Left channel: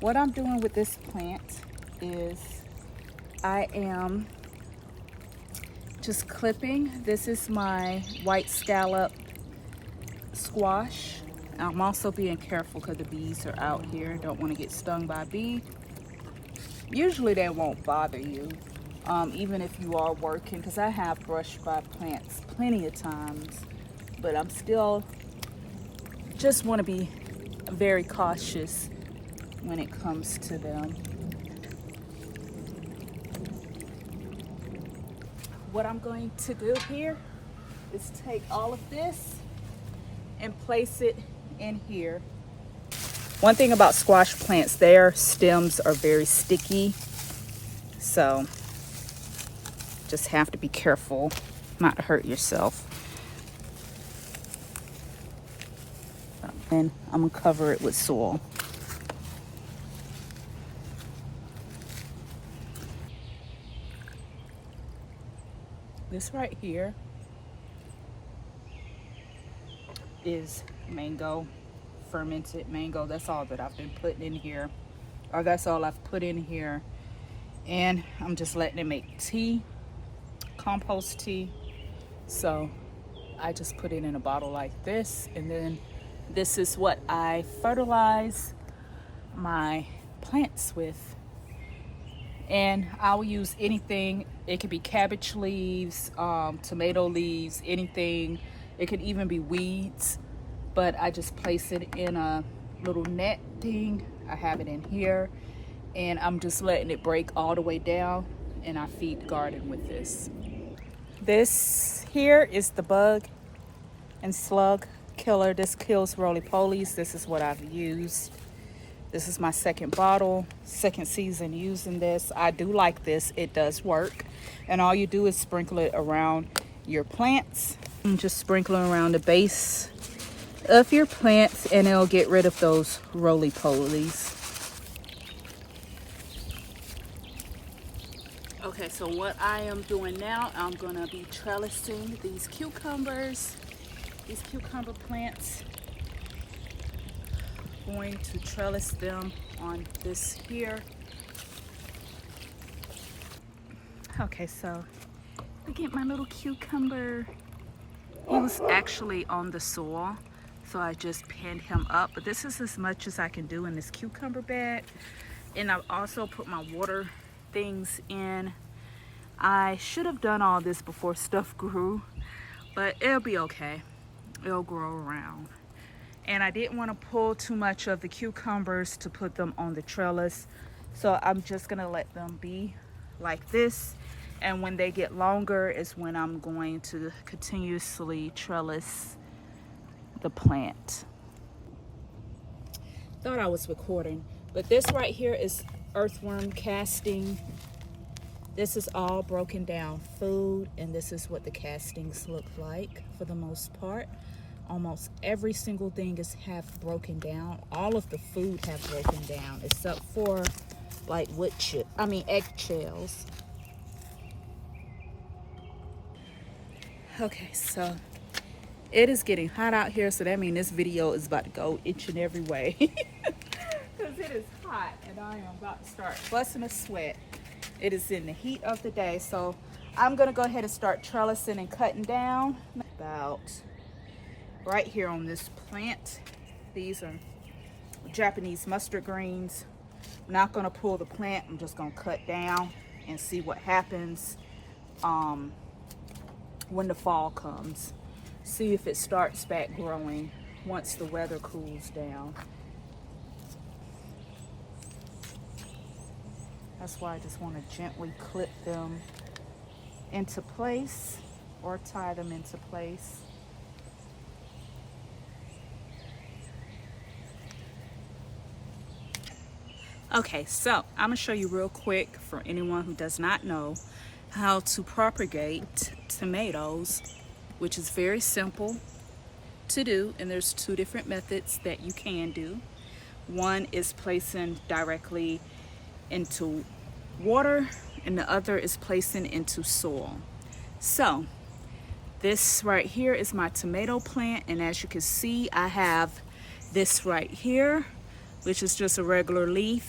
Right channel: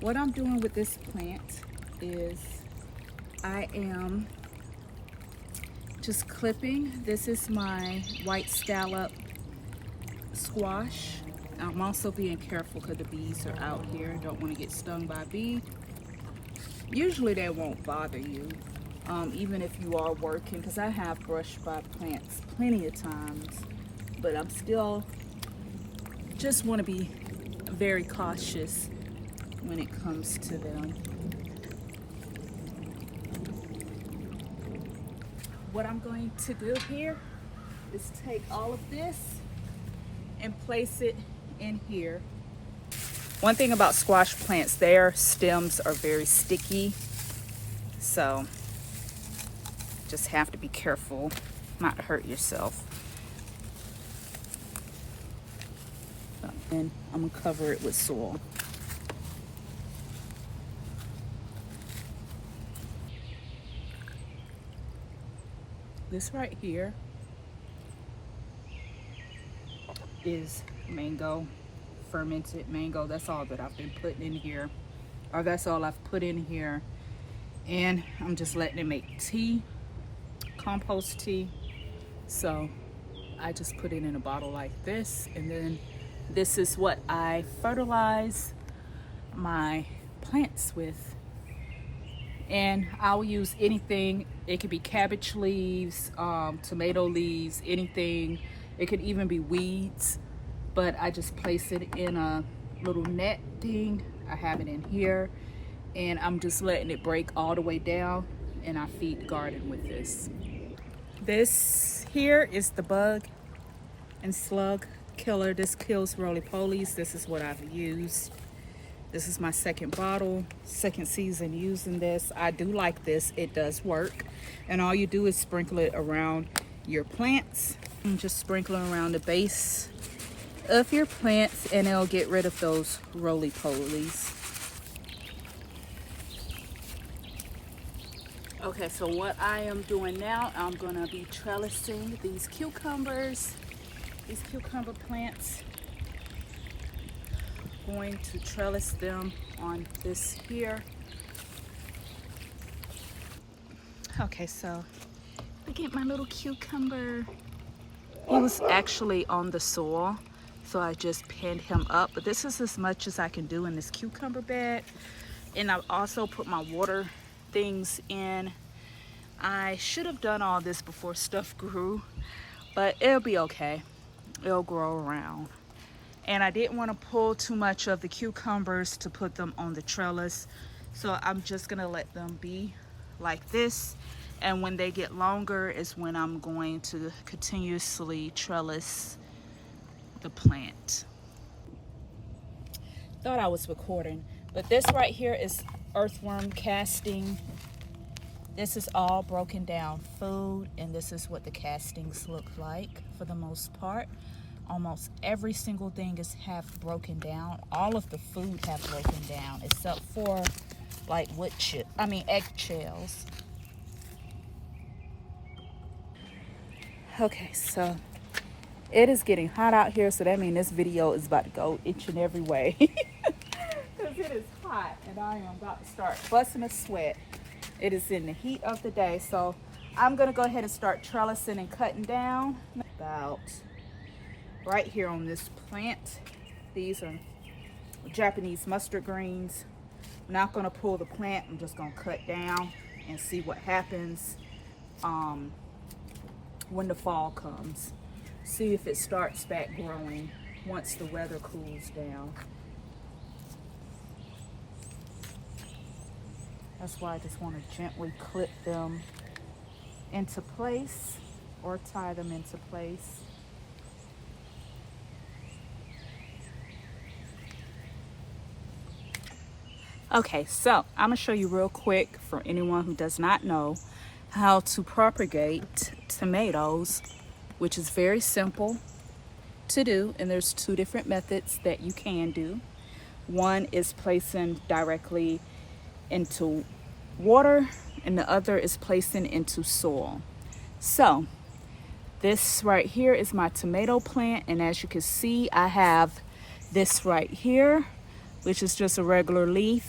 What I'm doing with this plant is I am just clipping. This is my white scallop squash. I'm also being careful because the bees are out here. Don't want to get stung by a bee. Usually they won't bother you, even if you are working, because I have brushed by plants plenty of times, but I'm still just want to be very cautious when it comes to them. What I'm going to do here is take all of this and place it in here. One thing about squash plants, their stems are very sticky, so just have to be careful not to hurt yourself. And I'm gonna cover it with soil. This right here is mango, fermented mango. That's all that I've been putting in here, or that's all I've put in here. And I'm just letting it make tea, compost tea. So I just put it in a bottle like this, and then this is what I fertilize my plants with. And I'll use anything. It could be cabbage leaves, tomato leaves, anything. It could even be weeds, but I just place it in a little net thing. I have it in here, and I'm just letting it break all the way down, and I feed the garden with this. This here is the bug and slug killer. This kills roly-polies. This is what I've used. This is my second bottle, second season using this. I do like this. It does work. And all you do is sprinkle it around your plants. And just sprinkle it around the base of your plants, and it'll get rid of those roly-polies. Okay, so what I am doing now, I'm gonna be trellising these cucumbers, these cucumber plants. Going to trellis them on this here. Okay, so look at my little cucumber. He was actually on the soil, so I just pinned him up. But this is as much as I can do in this cucumber bed. And I've also put my water things in. I should have done all this before stuff grew, but it'll be okay. It'll grow around. And I didn't want to pull too much of the cucumbers to put them on the trellis, so I'm just gonna let them be like this. And when they get longer is when I'm going to continuously trellis the plant. Thought I was recording, but this right here is earthworm casting. This is all broken down food, and this is what the castings look like for the most part. Almost every single thing is half broken down. All of the food have broken down except for like eggshells. Okay, so it is getting hot out here, so that means this video is about to go each and every way. Because it is hot and I am about to start busting a sweat. It is in the heat of the day, so I'm gonna go ahead and start trellising and cutting down. About right here on this plant, these are Japanese mustard greens. I'm not gonna pull the plant, I'm just gonna cut down and see what happens when the fall comes. See if it starts back growing once the weather cools down. That's why I just want to gently clip them into place or tie them into place. Okay, so I'm gonna show you real quick for anyone who does not know how to propagate tomatoes, which is very simple to do, and there's two different methods that you can do. One is placing directly into water, and the other is placing into soil. So this right here is my tomato plant, and as you can see, I have this right here, which is just a regular leaf.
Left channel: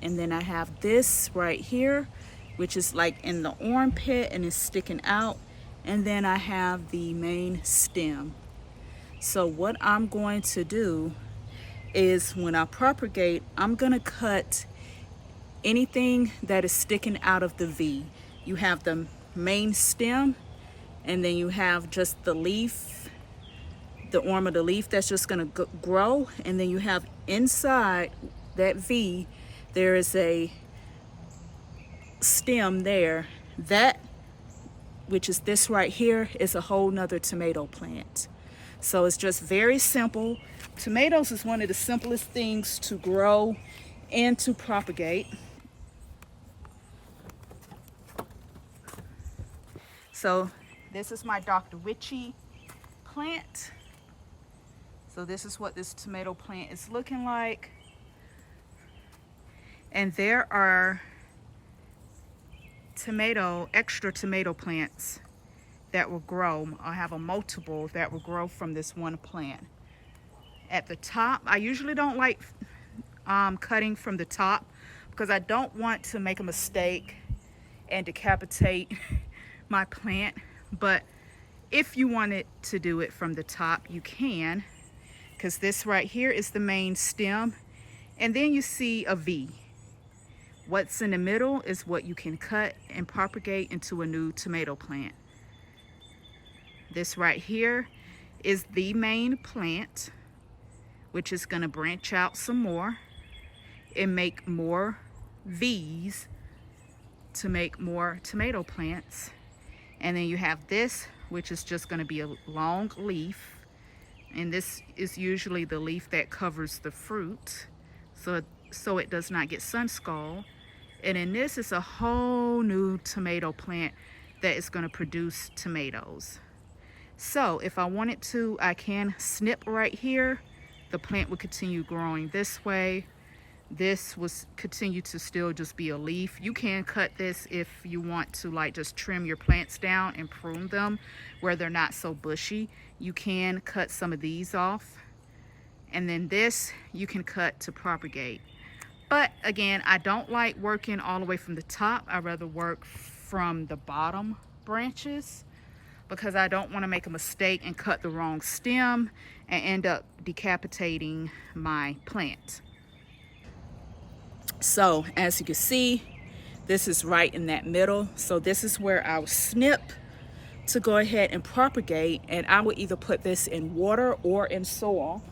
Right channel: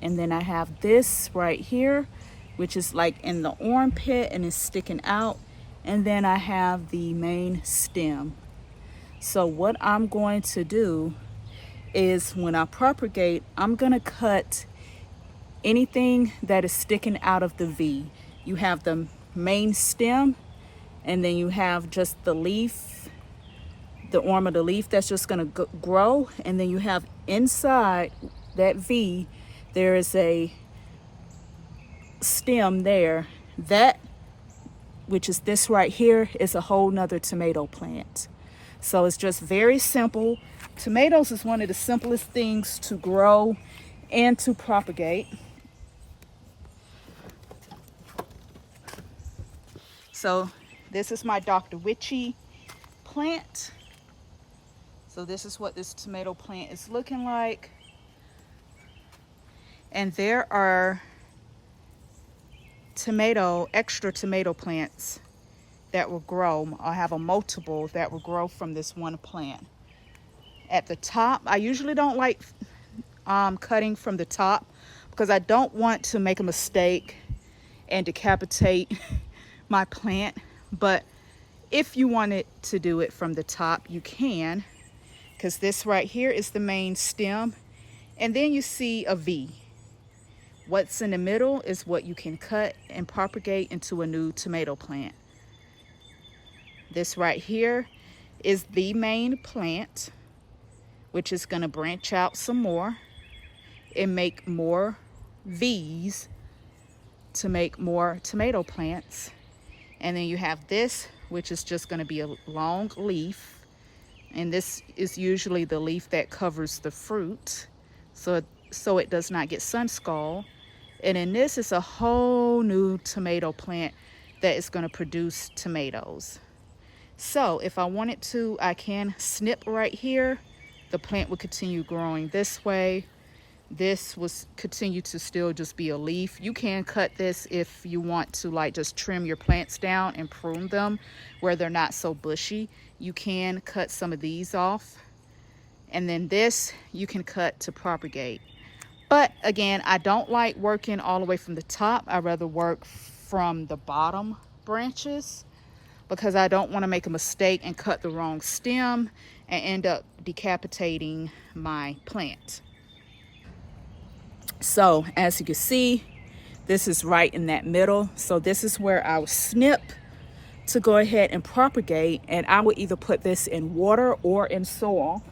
And then I have this right here, which is like in the armpit and is sticking out. And then I have the main stem. So what I'm going to do is when I propagate, I'm gonna cut anything that is sticking out of the V. You have the main stem, and then you have just the leaf, the arm of the leaf that's just gonna grow, and then you have inside that V, there is a stem there. That, which is this right here, is a whole nother tomato plant. So it's just very simple. Tomatoes is one of the simplest things to grow and to propagate. So this is my Dr. Witchy plant. So this is what this tomato plant is looking like. And there are extra tomato plants that will grow. I have a multiple that will grow from this one plant. At the top, I usually don't like cutting from the top because I don't want to make a mistake and decapitate my plant. But if you wanted to do it from the top, you can, because this right here is the main stem, and then you see a V. What's in the middle is what you can cut and propagate into a new tomato plant. This right here is the main plant, which is going to branch out some more and make more V's to make more tomato plants. And then you have this, which is just going to be a long leaf, and this is usually the leaf that covers the fruit so it does not get sun scald. And then this is a whole new tomato plant that is going to produce tomatoes. So if I wanted to, I can snip right here. The plant will continue growing this way. This will continue to still just be a leaf. You can cut this if you want to, like, just trim your plants down and prune them where they're not so bushy. You can cut some of these off. And then this you can cut to propagate. But again, I don't like working all the way from the top. I rather work from the bottom branches, because I don't want to make a mistake and cut the wrong stem and end up decapitating my plant. So as you can see, this is right in that middle. So this is where I will snip to go ahead and propagate, and I will either put this in water or in soil.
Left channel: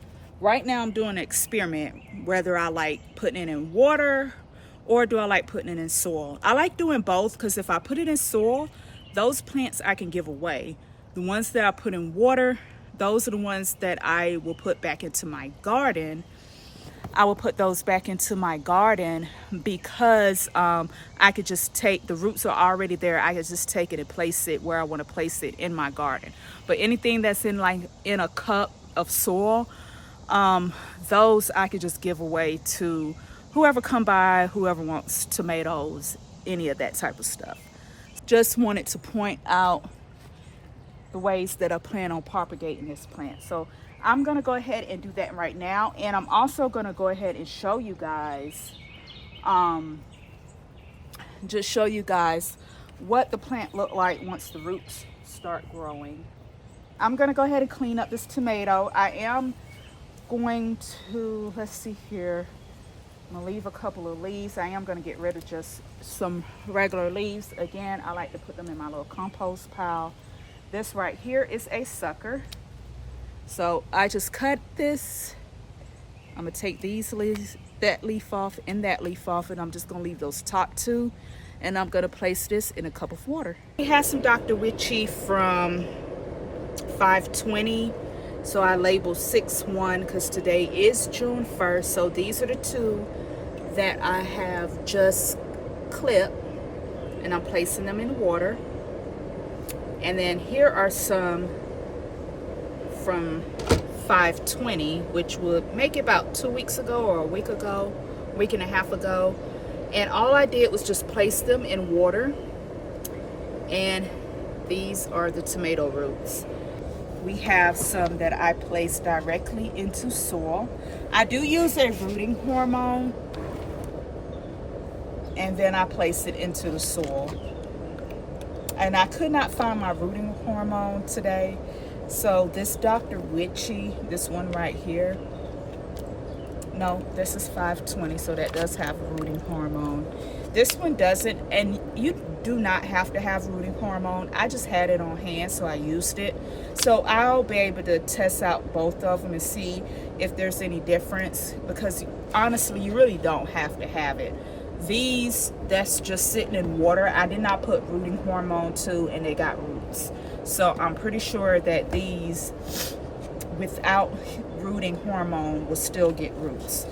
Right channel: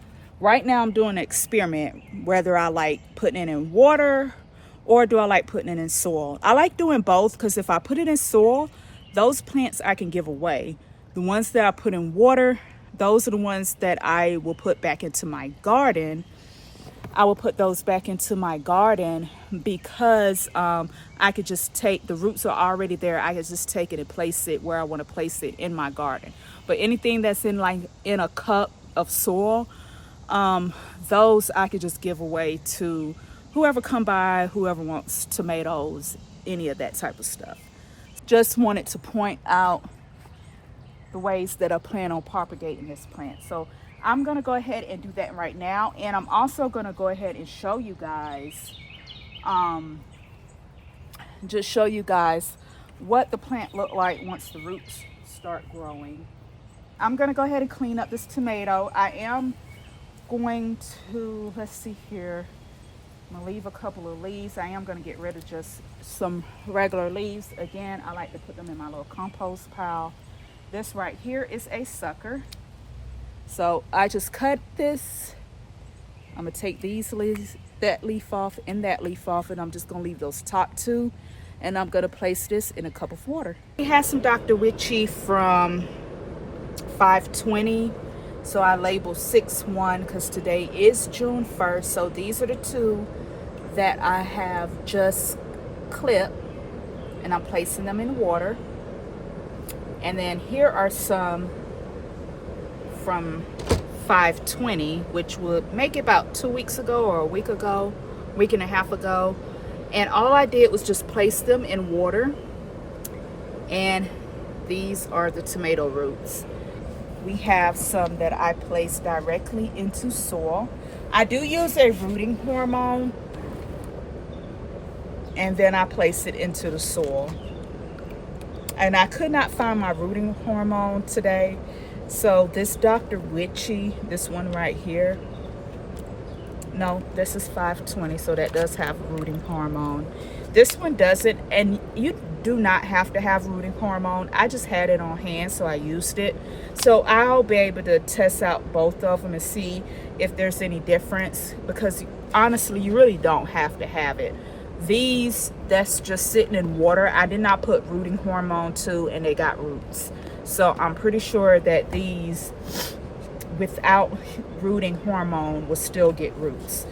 Right now I'm doing an experiment whether I like putting it in water or do I like putting it in soil. I like doing both, because if I put it in soil, those plants I can give away. The ones that I put in water, those are the ones that I will put back into my garden. I will put those back into my garden because I could just take, the roots are already there. I could just take it and place it where I want to place it in my garden. But anything that's in a cup of soil, those I could just give away to whoever come by, whoever wants tomatoes, any of that type of stuff. Just wanted to point out the ways that I plan on propagating this plant. So I'm going to go ahead and do that right now. And I'm also going to go ahead and show you guys, just show you guys what the plant looked like once the roots start growing. I'm going to go ahead and clean up this tomato. I am going to, let's see here, I'm going to leave a couple of leaves. I am going to get rid of just some regular leaves. Again, I like to put them in my little compost pile. This right here is a sucker. So I just cut this. I'm going to take these leaves, that leaf off and that leaf off, and I'm just going to leave those top two. And I'm going to place this in a cup of water. We have some Dr. Witchy from 520. So I labeled 6-1 because today is June 1st. So these are the two that I have just clipped, and I'm placing them in water. And then here are some from 520, which would make it about 2 weeks ago or a week ago, week and a half ago. And all I did was just place them in water. And these are the tomato roots. We have some that I placed directly into soil. I do use a rooting hormone, and then I place it into the soil. And I could not find my rooting hormone today. So this Dr. Witchy, this one right here, no, this is 520, so that does have rooting hormone. This one doesn't, and you do not have to have rooting hormone. I just had it on hand, so I used it. So I'll be able to test out both of them and see if there's any difference, because honestly, you really don't have to have it. These, that's just sitting in water, I did not put rooting hormone to, and they got roots. So I'm pretty sure that these without rooting hormone will still get roots.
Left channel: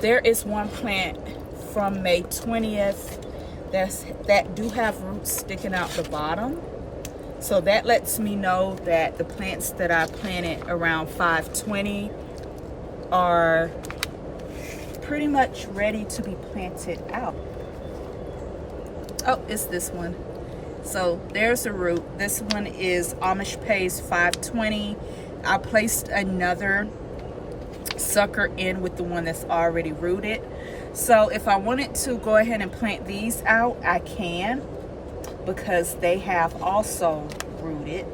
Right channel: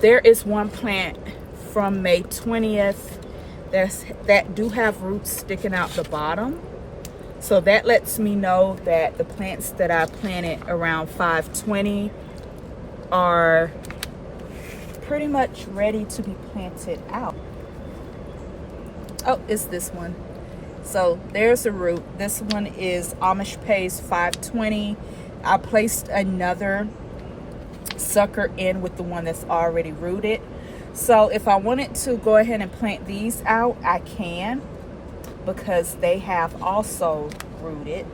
There is one plant from May 20th that do have roots sticking out the bottom. So that lets me know that the plants that I planted around 520 are pretty much ready to be planted out. Oh, it's this one. So there's a root. This one is Amish Paste 520. I placed another sucker in with the one that's already rooted. So if I wanted to go ahead and plant these out, I can, because they have also rooted.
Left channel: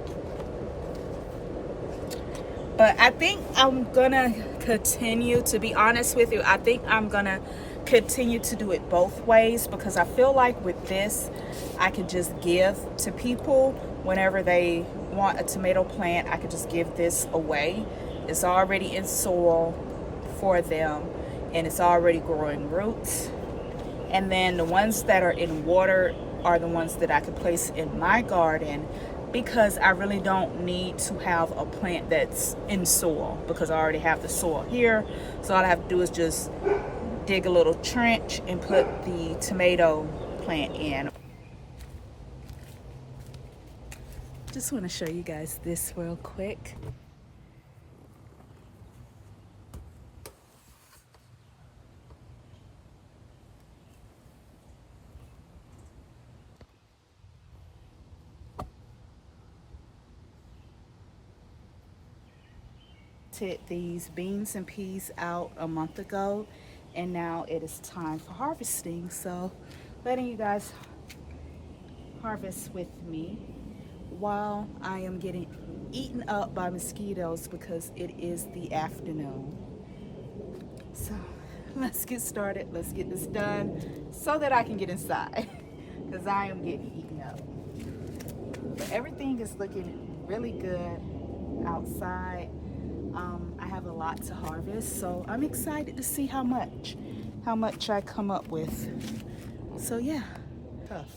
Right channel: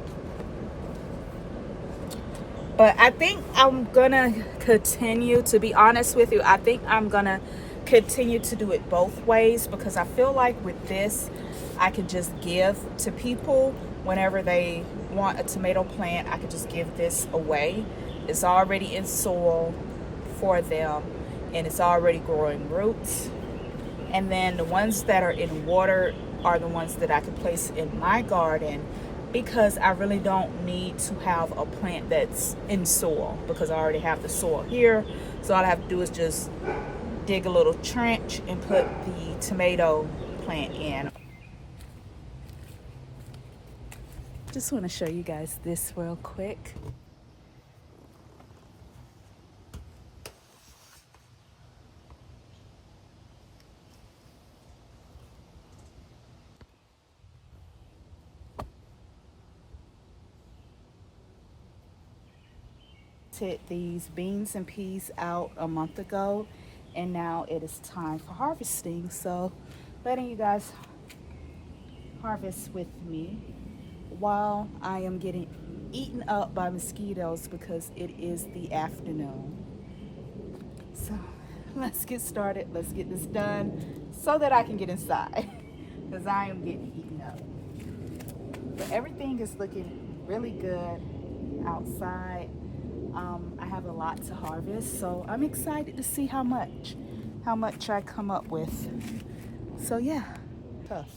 But I think I'm gonna continue, to be honest with you, I think I'm gonna continue to do it both ways, because I feel like with this, I can just give to people whenever they want a tomato plant. I could just give this away. It's already in soil for them, and it's already growing roots. And then the ones that are in water are the ones that I could place in my garden, because I really don't need to have a plant that's in soil, because I already have the soil here. So all I have to do is just dig a little trench and put the tomato plant in. Just want to show you guys this real quick. These beans and peas out a month ago, and now it is time for harvesting. So letting you guys harvest with me while I am getting eaten up by mosquitoes, because it is the afternoon. So let's get started. Let's get this done so that I can get inside, because I am getting eaten up. But everything is looking really good outside. I have a lot to harvest, so I'm excited to see how much I come up with. So yeah, tough.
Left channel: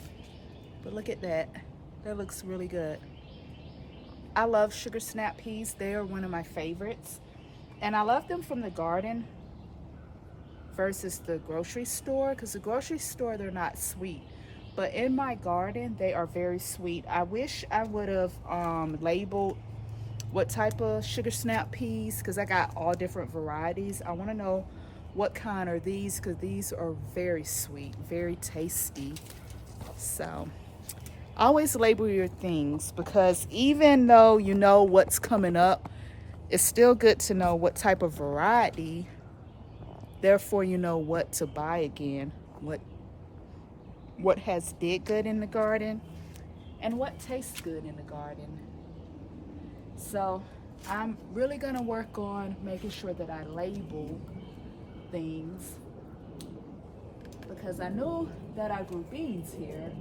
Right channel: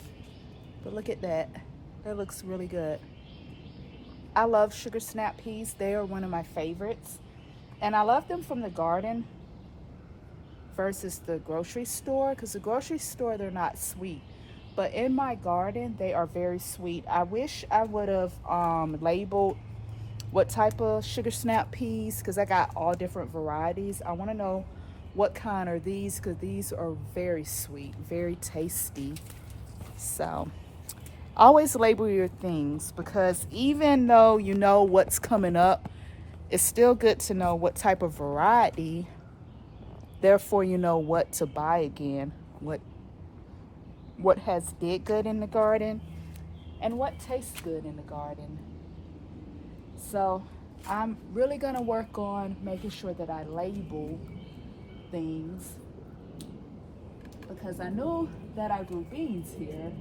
But look at that. That looks really good. I love sugar snap peas. They are one of my favorites. And I love them from the garden versus the grocery store, because the grocery store, they're not sweet. But in my garden, they are very sweet. I wish I would have labeled what type of sugar snap peas, because I got all different varieties. I want to know what kind are these, because these are very sweet, very tasty. So always label your things, because even though you know what's coming up, it's still good to know what type of variety. Therefore, you know what to buy again, what has did good in the garden and what tastes good in the garden. So I'm really gonna work on making sure that I label things, because I know that I grew beans here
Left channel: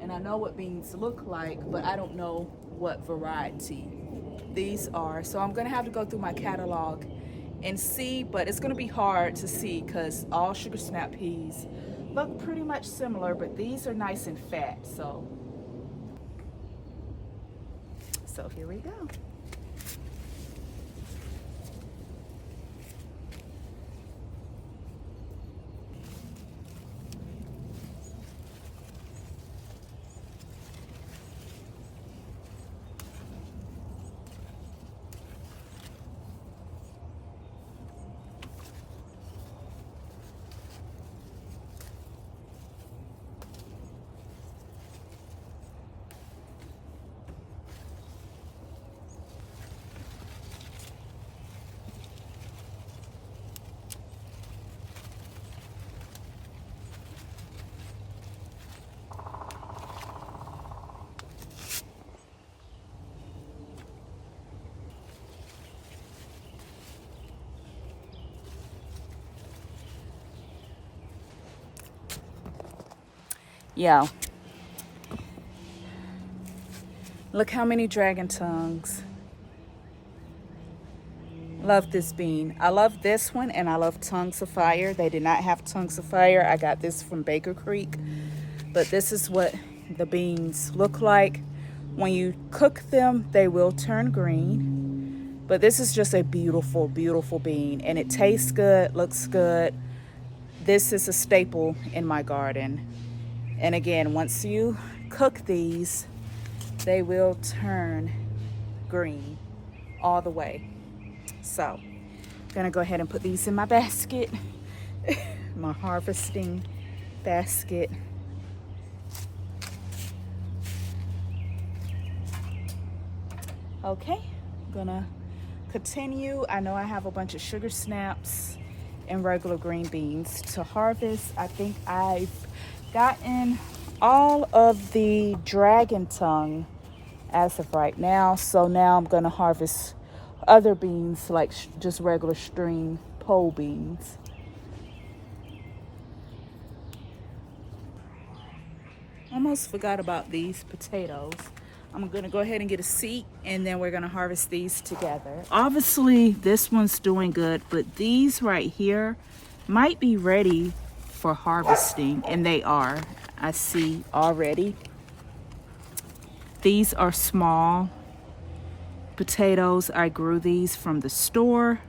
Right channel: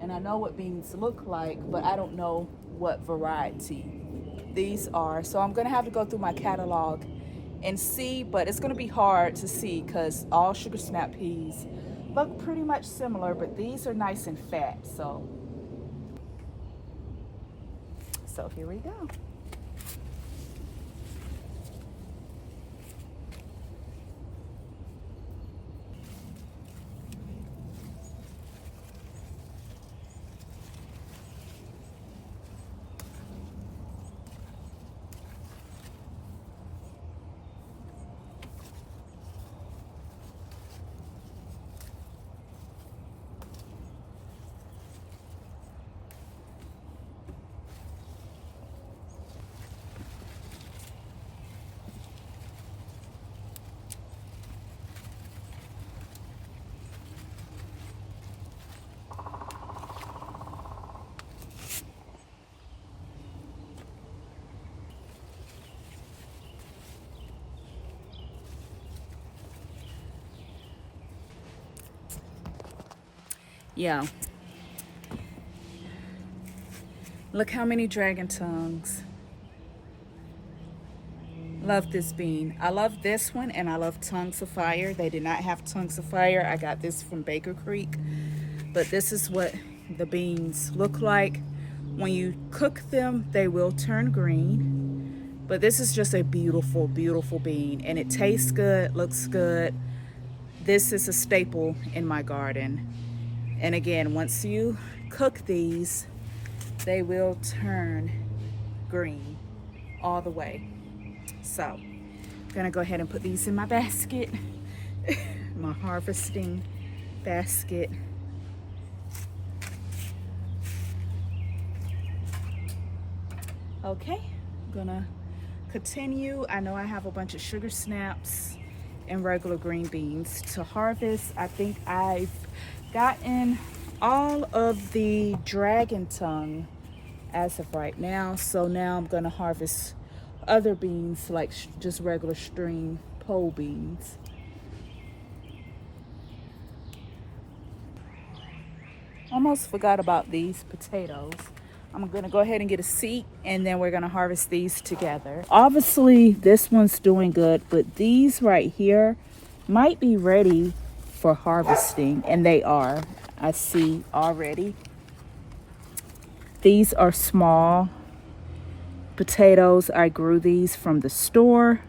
and I know what beans look like, but I don't know what variety these are. So I'm gonna have to go through my catalog and see, but it's gonna be hard to see because all sugar snap peas look pretty much similar, but these are nice and fat. So here we go. Yeah. Look how many dragon tongues. Love this bean. I love this one, and I love Tongues of Fire. They did not have Tongues of Fire. I got this from Baker Creek. But this is what the beans look like. When you cook them, they will turn green. But this is just a beautiful, beautiful bean. And it tastes good, looks good. This is a staple in my garden. And again, once you cook these, they will turn green all the way. So I'm gonna go ahead and put these in my basket, my harvesting basket. Okay, I'm gonna continue. I know I have a bunch of sugar snaps and regular green beans to harvest. I think I've gotten all of the dragon tongue as of right now. So now I'm gonna harvest other beans, like just regular string pole beans. Almost forgot about these potatoes. I'm gonna go ahead and get a seat, and then we're gonna harvest these together. Obviously this one's doing good, but these right here might be ready for harvesting, and they are. I see already. These are small potatoes. I grew these from the store,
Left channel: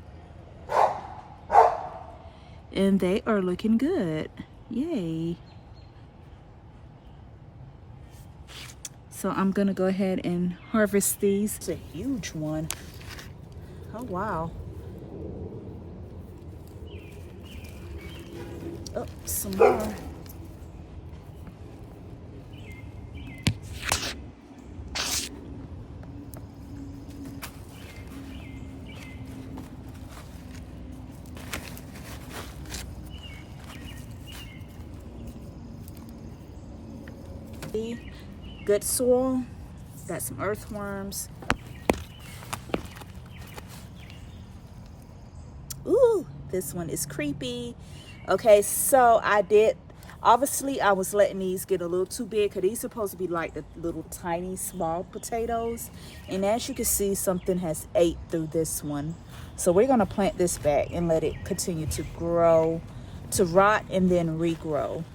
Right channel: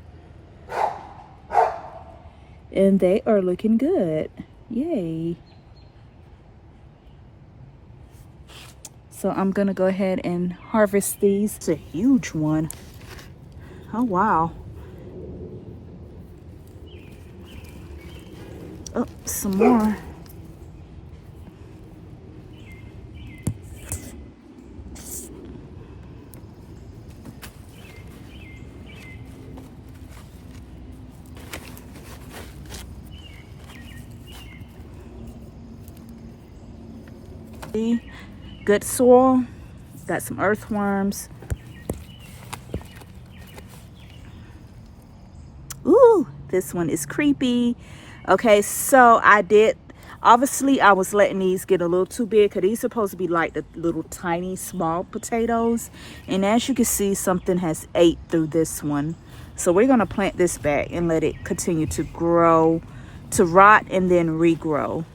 and they are looking good. Yay. So I'm gonna go ahead and harvest these. It's a huge one. Oh wow. Oh, some more. Good soil. Got some earthworms. Ooh, this one is creepy. Okay, so obviously I was letting these get a little too big, because these are supposed to be like the little tiny small potatoes. And as you can see, something has ate through this one. So we're gonna plant this back and let it continue to grow, to rot, and then regrow.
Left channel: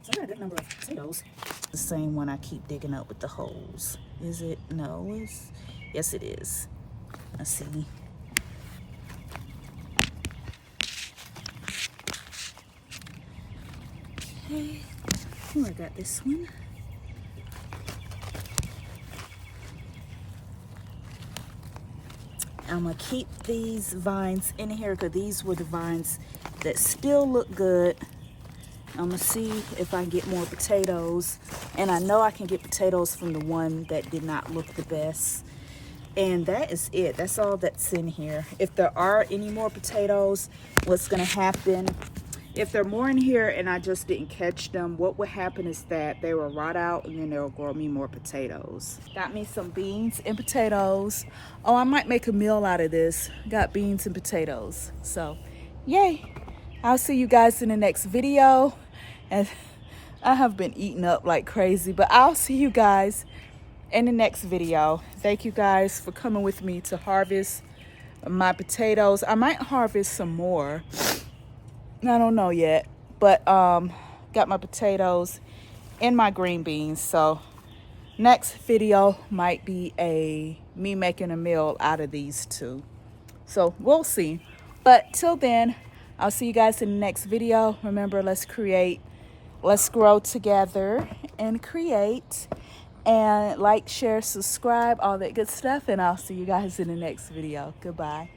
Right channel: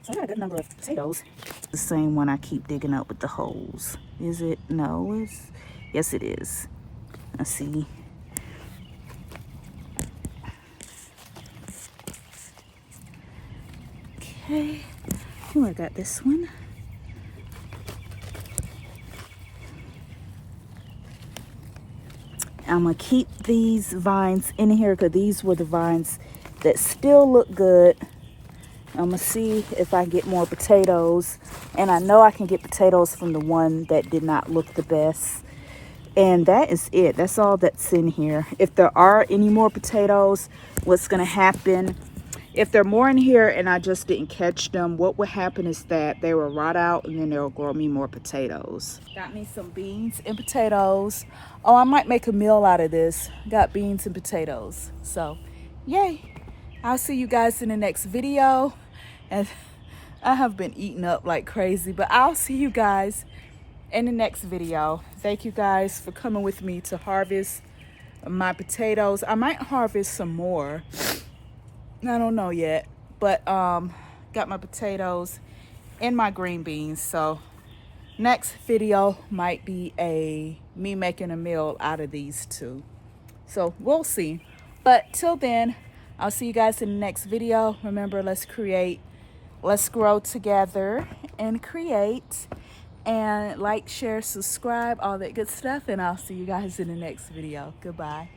So I got a good number of potatoes. The same one I keep digging up with the holes. Is it? No. Yes, it is. Let's see. Okay. Oh, I got this one. I'm gonna keep these vines in here, because these were the vines that still look good. I'm gonna see if I can get more potatoes, and I know I can get potatoes from the one that did not look the best. And that is it. That's all that's in here. If there are any more potatoes, what's gonna happen, if there are more in here and I just didn't catch them, what will happen is that they will rot out, and then they'll grow me more potatoes. Got me some beans and potatoes. Oh, I might make a meal out of this. Got beans and potatoes. So yay. I'll see you guys in the next video. And I have been eating up like crazy, but I'll see you guys in the next video. Thank you guys for coming with me to harvest my potatoes. I might harvest some more. I don't know yet, but got my potatoes and my green beans. So next video might be me making a meal out of these two. So we'll see. But till then, I'll see you guys in the next video. Remember, let's create, let's grow together and create. And like, share, subscribe, all that good stuff. And I'll see you guys in the next video. Goodbye.